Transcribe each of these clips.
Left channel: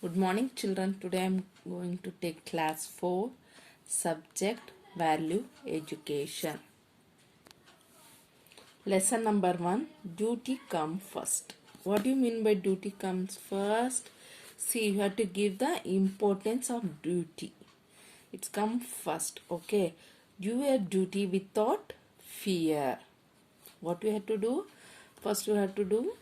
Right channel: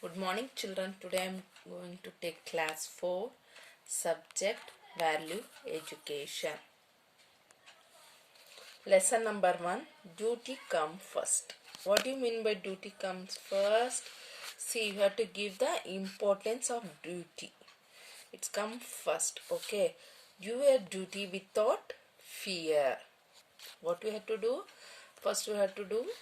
Good morning, children. Today I am going to take class 4, subject value education. Lesson number 1, duty come first. What do you mean by duty comes first? See, you have to give the importance of duty. It's come first, okay? Do your duty without fear. What we have to do? First we have to do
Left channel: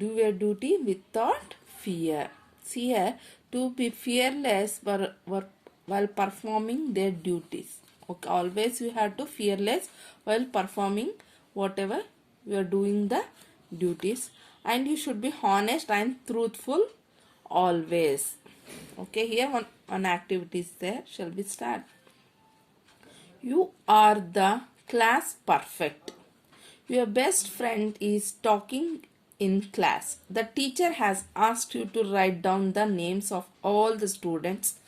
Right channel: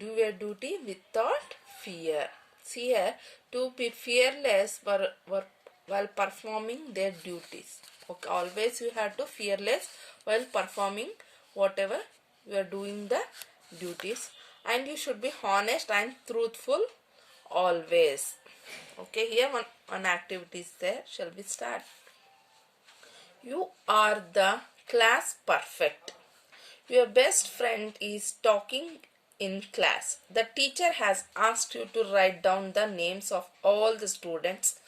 your duty without fear. See here, to be fearless while performing their duties. Okay, always you have to fearless while performing whatever you are doing the duties, and you should be honest and truthful always. Okay, here one activity is there. Shall we start? You are the class perfect. Your best friend is talking in class. The teacher has asked you to write down the names of all the students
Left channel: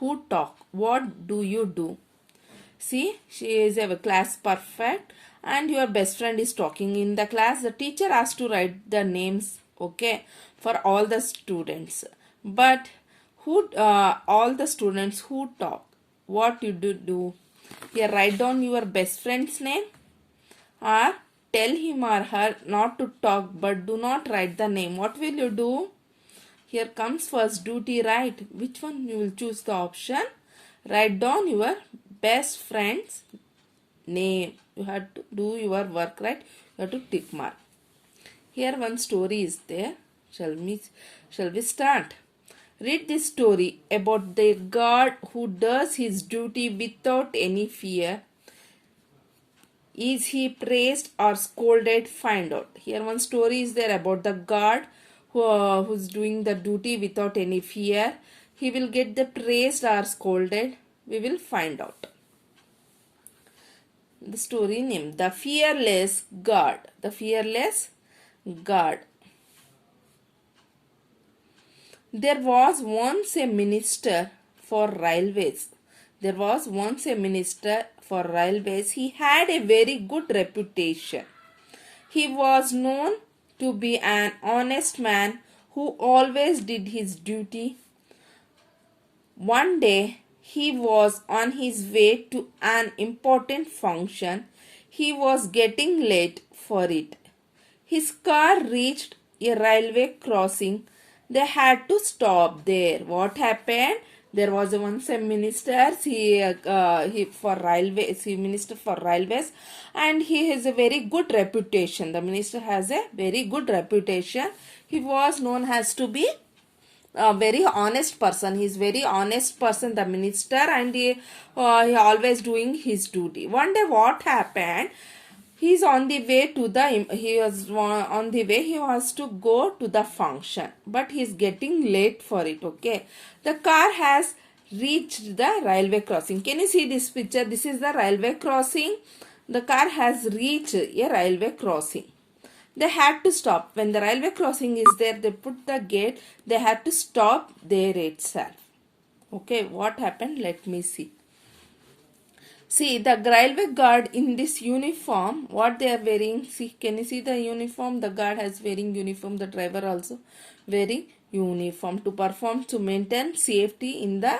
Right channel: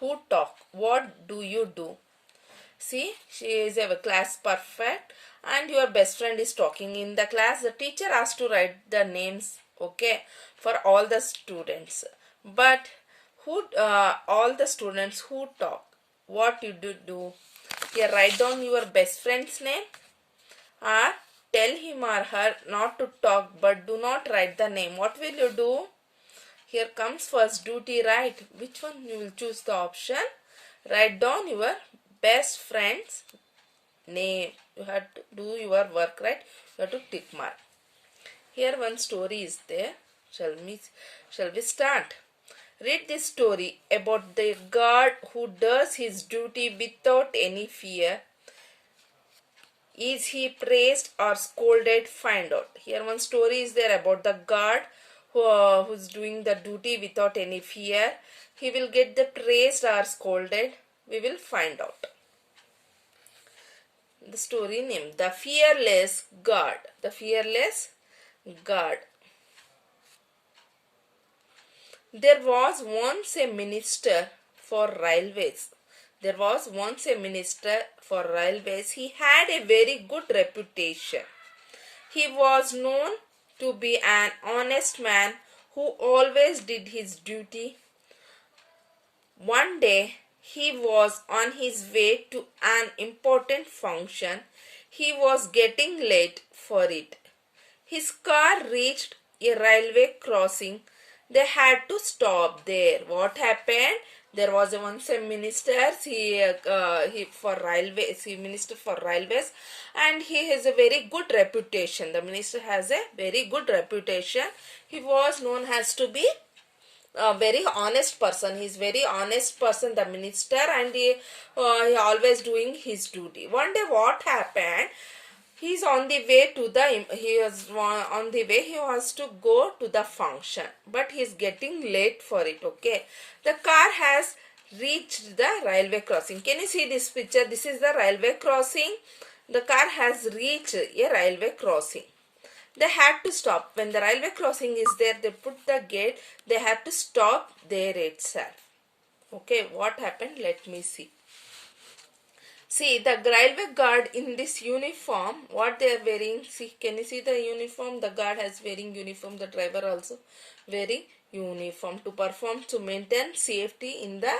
who talk. What do you do? See, she is a class perfect and your best friend is talking in the class. The teacher asked to write the names, okay, for all the students. But all the students who talk, what you do? Here, write down your best friend's name, or tell him or her not to talk but do not write the name. What will you do? Here comes first duty, right? Which one you will choose the option? Write down your best friend's name. You have to do your work, right? You have to tick mark. Here one story is there. Shall we start? Read this story about the guard who does his duty without any fear. Is he praised or scolded? Find out. Here one story is there about the guard who's doing the duty without any fear. He will get the praised or scolded. We will find out. The story name, The Fearless Guard. The Fearless Guard. There was once a minister for railways. There was once a minister for railways. He had a very good reputation. He was known to be an honest man who always did his duty. One day, he was on his way to an important function. He was getting late for it. His car reached a railway crossing. They had to stop there. What happened? There was once a minister, he for railways, he minister for railways, and he has a very good reputation. The minister has a very good reputation. He was known as to be a very honest person. He is very honest person, the minister, and he always doing his duty. One day, what happened? He was on the way. He was to go to the function, but he is getting late for it. Okay, the car has reached the railway crossing. Can you see this picture? This is the railway crossing. The car has reached a railway crossing. They had to stop. When the railway crossing is there, they put the gate. They had to stop there itself. Okay, what happened? Let me see. See, the railway guard in this uniform, what they are wearing, see, can you see the uniform? The guard has wearing uniform, the driver also wearing uniform to maintain safety in the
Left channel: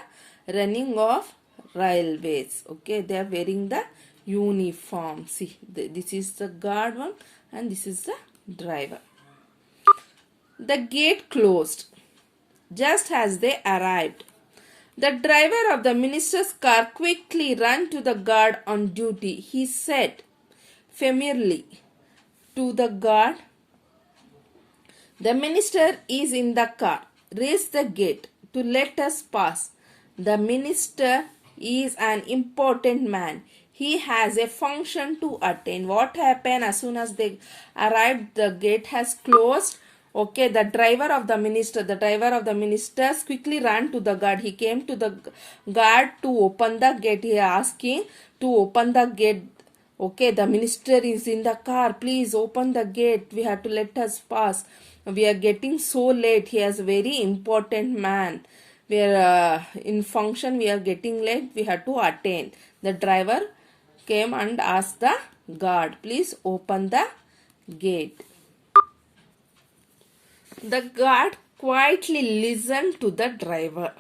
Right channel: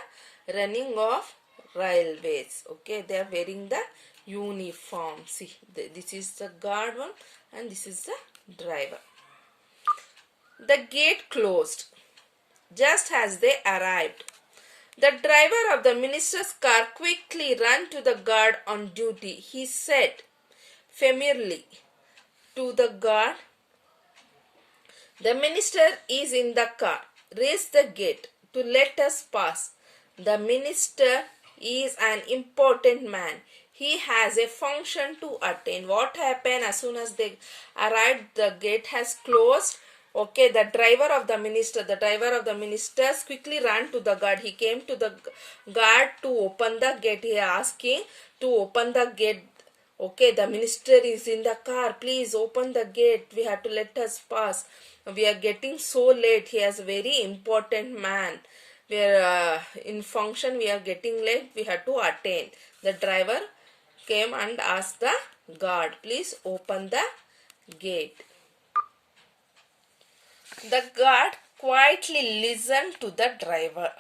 running of railways. Okay, they are wearing the uniform. See, this is the guard one and this is the driver. The gate closed just as they arrived. The driver of the minister's car quickly ran to the guard on duty. He said familiarly to the guard, "The minister is in the car. Raise the gate to let us pass. The minister is an important man. He has a function to attend." What happened? As soon as they arrived, the gate has closed. Okay, the driver of the ministers quickly ran to the guard. He came to the guard to open the gate. He asking to open the gate. Okay, the minister is in the car. Please open the gate. We have to let us pass. We are getting so late. He is a very important man. We are in function. We are getting late. We have to attend. The driver came and asked the guard, please open the gate. The guard quietly listened to the driver.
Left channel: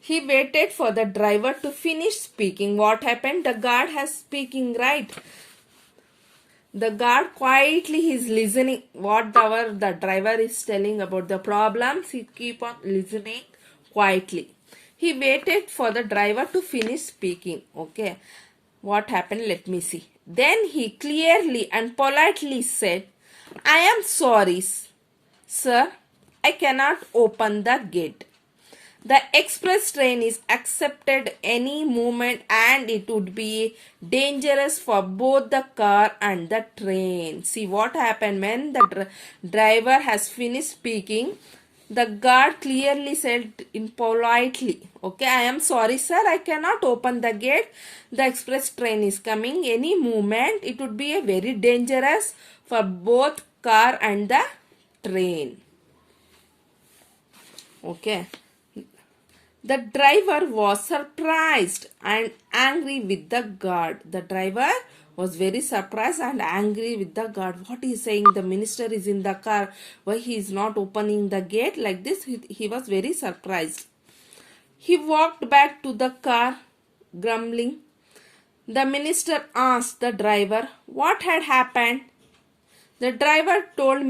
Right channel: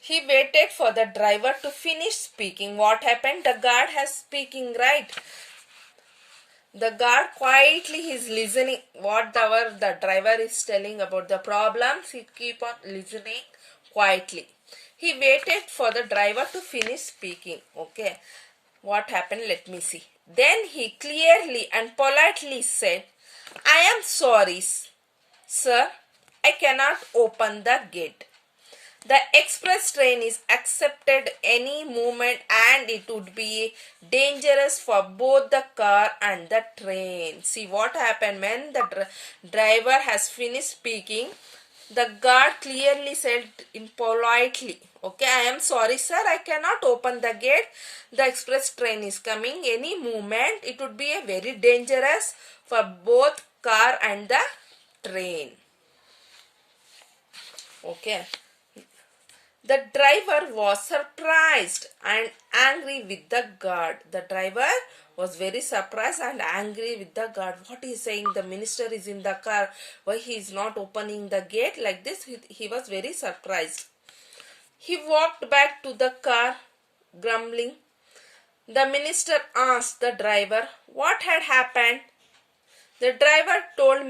He waited for the driver to finish speaking. What happened? The guard has speaking, right? The guard quietly is listening whatever the driver is telling about the problems. He keep on listening quietly. He waited for the driver to finish speaking. Okay. What happened? Let me see. Then he clearly and politely said, I am sorry, sir. I cannot open the gate. The express train is accepted any moment and it would be dangerous for both the car and the train. See what happened when the driver has finished speaking. The guard clearly said in politely, okay, I am sorry sir, I cannot open the gate. The express train is coming any moment. It would be a very dangerous for both car and the train. Okay. The driver was surprised and angry with the guard. The driver was very surprised and angry with the guard. What he is saying? The minister is in the car. Why he is not opening the gate like this? He was very surprised. He walked back to the car, grumbling. The minister asked the driver what had happened. The driver told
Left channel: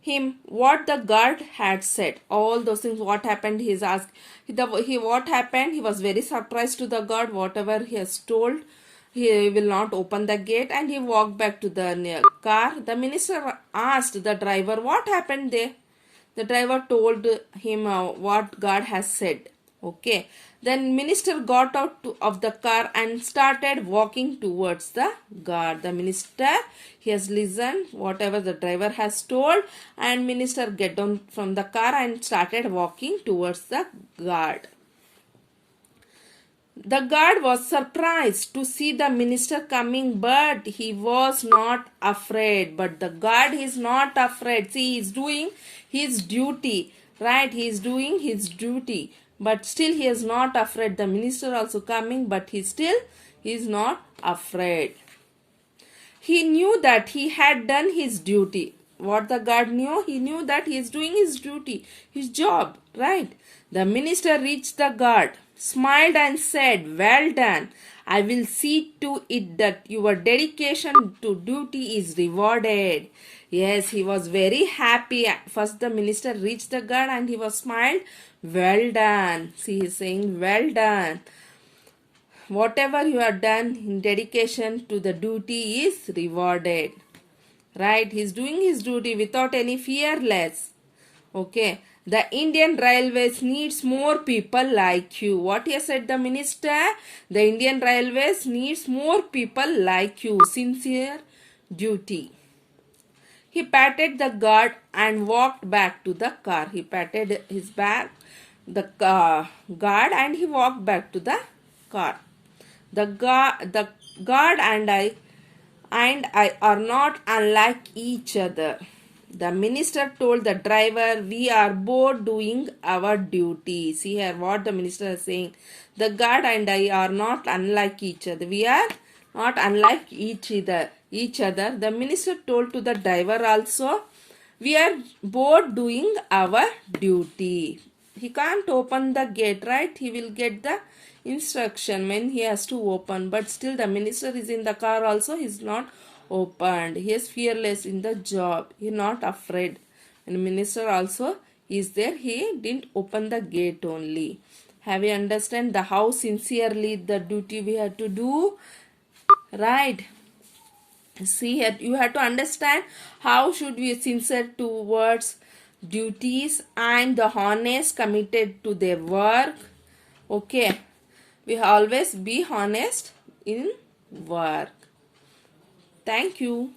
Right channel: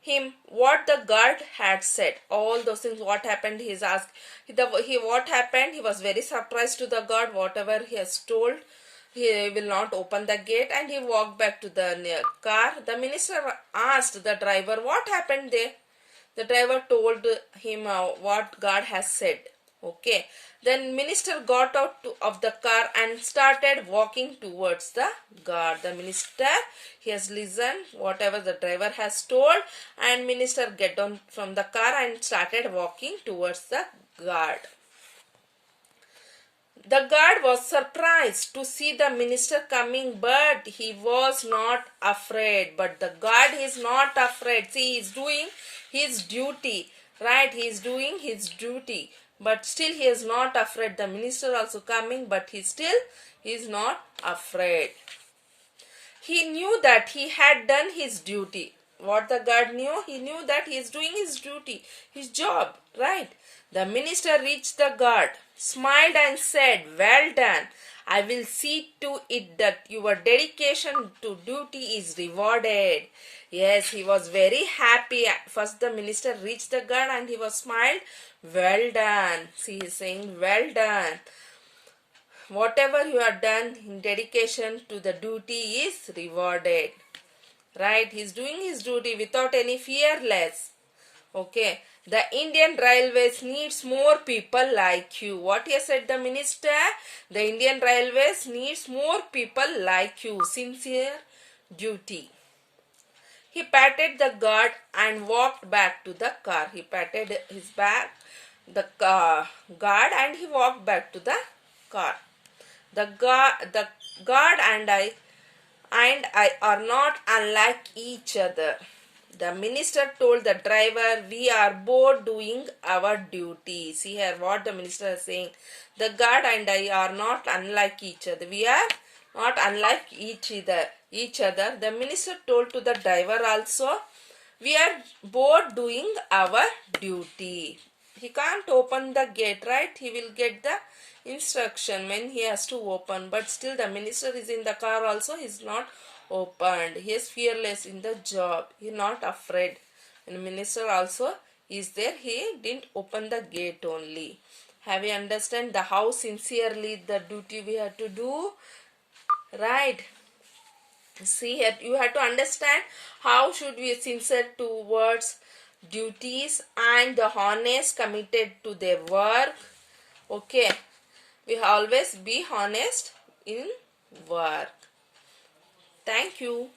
him what the guard had said. All those things, what happened, he is asked. What happened? He was very surprised to the guard. Whatever he has told, he will not open the gate, and he walked back to the car. The minister asked the driver what happened there. The driver told him what guard has said. Okay. Then minister got out of the car and started walking towards the guard. The minister, he has listened whatever the driver has told, and minister get down from the car and started walking towards the guard. The guard was surprised to see the minister coming, but he was not afraid. But the guard is not afraid. See, he is doing his duty, right? He is doing his duty. But still he is not afraid. The minister also coming, but he is not afraid. He knew that he had done his duty. What the guard knew? He knew that he is doing his duty, his job, right? The minister reached the guard, smiled and said, well done. I will see to it that your dedication to duty is rewarded. Yes, he was very happy. First the minister reached the guard and he was smiled. Well done. See, he is saying, well done. Whatever you have done in dedication to the duty is rewarded. Right? He is doing his duty without any fearless. Okay. The Indian Railways needs more people like you. What he said the minister? The Indian Railways needs more people like you. Sincere duty. He patted the guard and walked back to the car. He patted his back, the guard, and he walked back to the car. The guard and I are not unlike each other. The minister told the driver, we are both doing our duty. See here what the minister is saying. The guard and I are not unlike each other. We are not unlike each other. The minister told to the driver also, we are both doing our duty. He can't open the gate, right? He will get the instruction when he has to open. But still the minister is in the car also. He is not opened. He is fearless in the job. He is not afraid. And minister also is there. He didn't open the gate only. Have you understand the how sincerely the duty we have to do? Right. See here, you have to understand how should we sincere towards duties and the honest committed to their work. Okay. We always be honest in work. Thank you.